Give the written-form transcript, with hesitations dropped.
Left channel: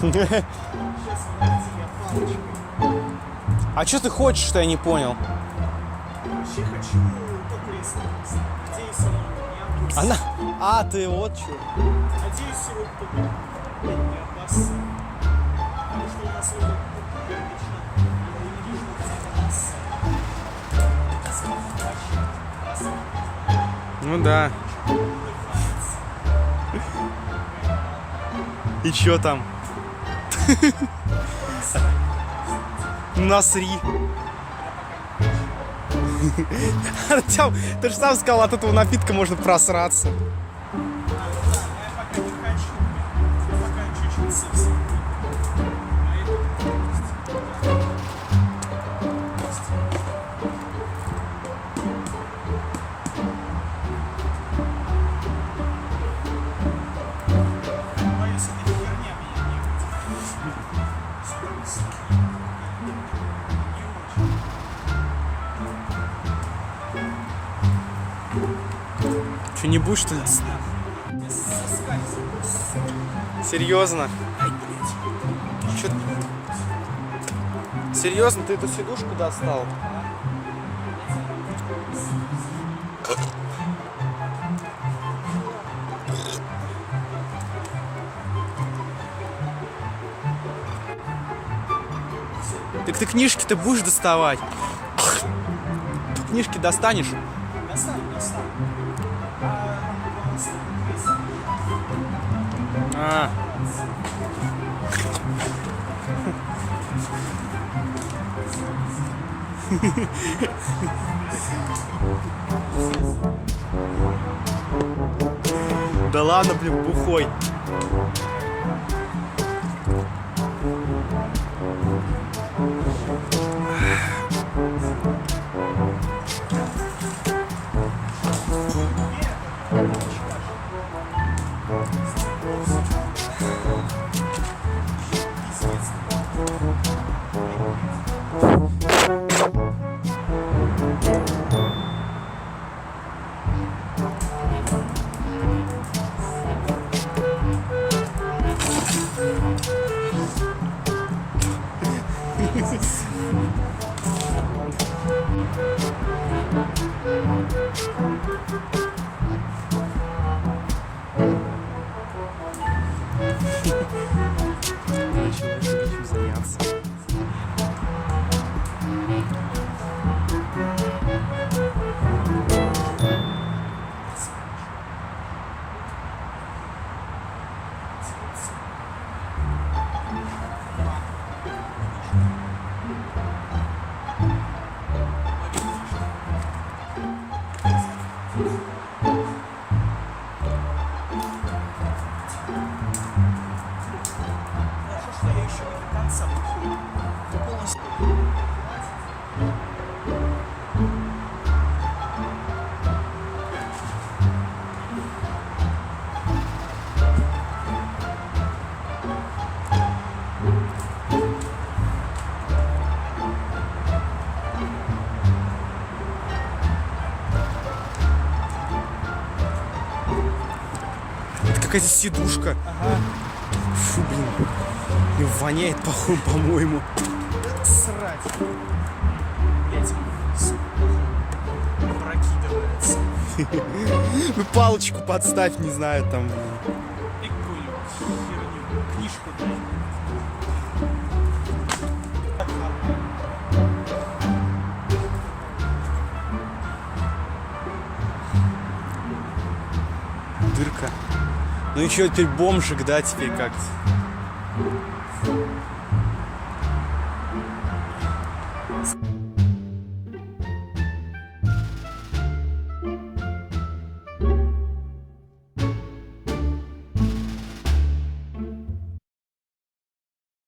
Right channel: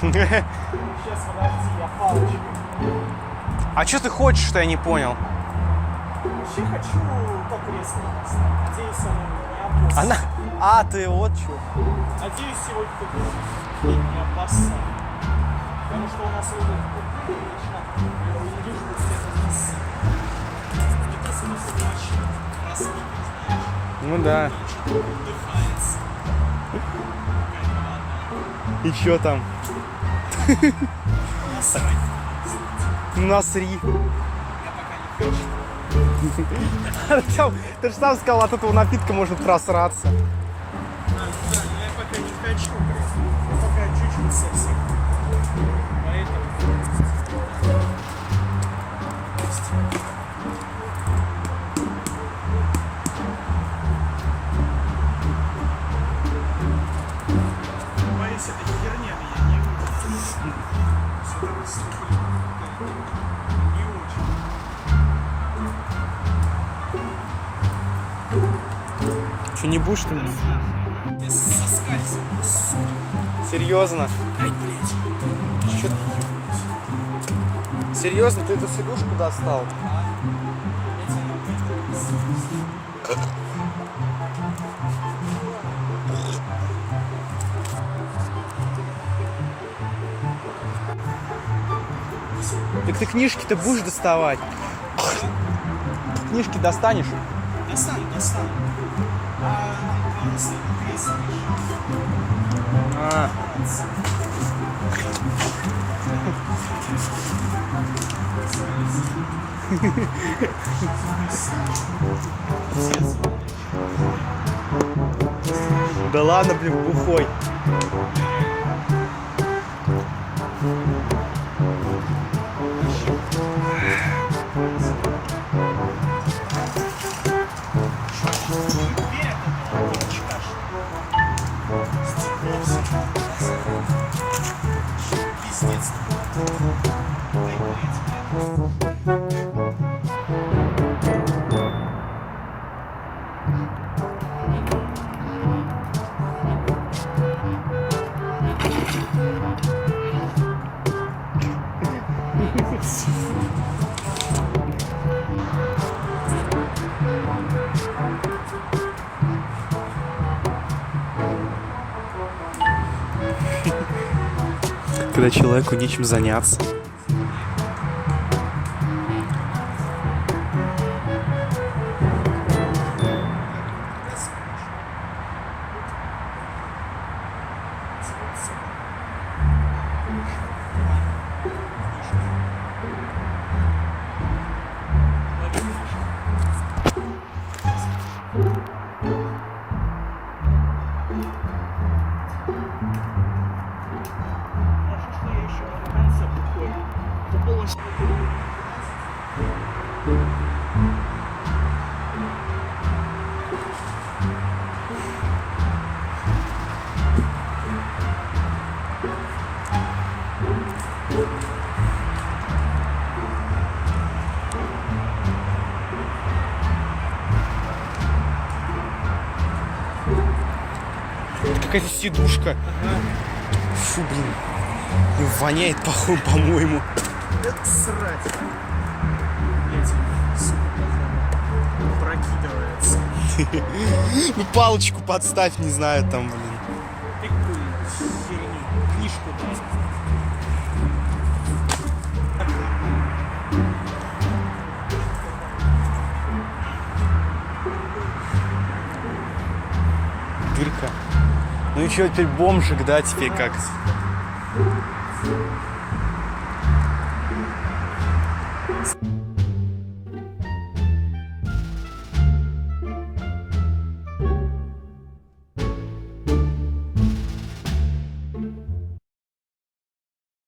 Сейчас, подожди, я палочку. А что ты хочешь, что я не понял? Вообще хочу по креслу поставить. Надеюсь, оно меня Она... А, ты вот что? Надеюсь, сегодня только летняя баса. Потому что у нас уже отлично. Лишь бы все вниз. Такие смыслы вообще. Красный, знаешь. Ну да. Вдыхается. И чё там? Насри. Артём, ты же сам сказал, от этого напитка можно просраться. Я пока не хочу, я пока чуть-чуть секса. Боюсь, эта херня меня не будет. Что, не будешь ты? Я соскальзываю. Серьезно? Ай, блядь. Чё... Серьезно, ты эту сидушку достал? Так ты книжки-то будешь доставать? Книжки достанешь? Достану. А кресло. А. Да ладно, блин, бухой. Когда человеку нечем заняться. Хорошо, что я еще не до конца выходит. Ты полностью... Это какая-то сидушка. Ага. Фу, блин. Ну, воняет, по-моему. Срать. Блять, сука. Прокидывается. Ну, палочку подставь, не знаю, там, блин. Какую херню. Книжку дай. Так нормально. Дырка. Ну и что, теперь бомжик, да, теперь как?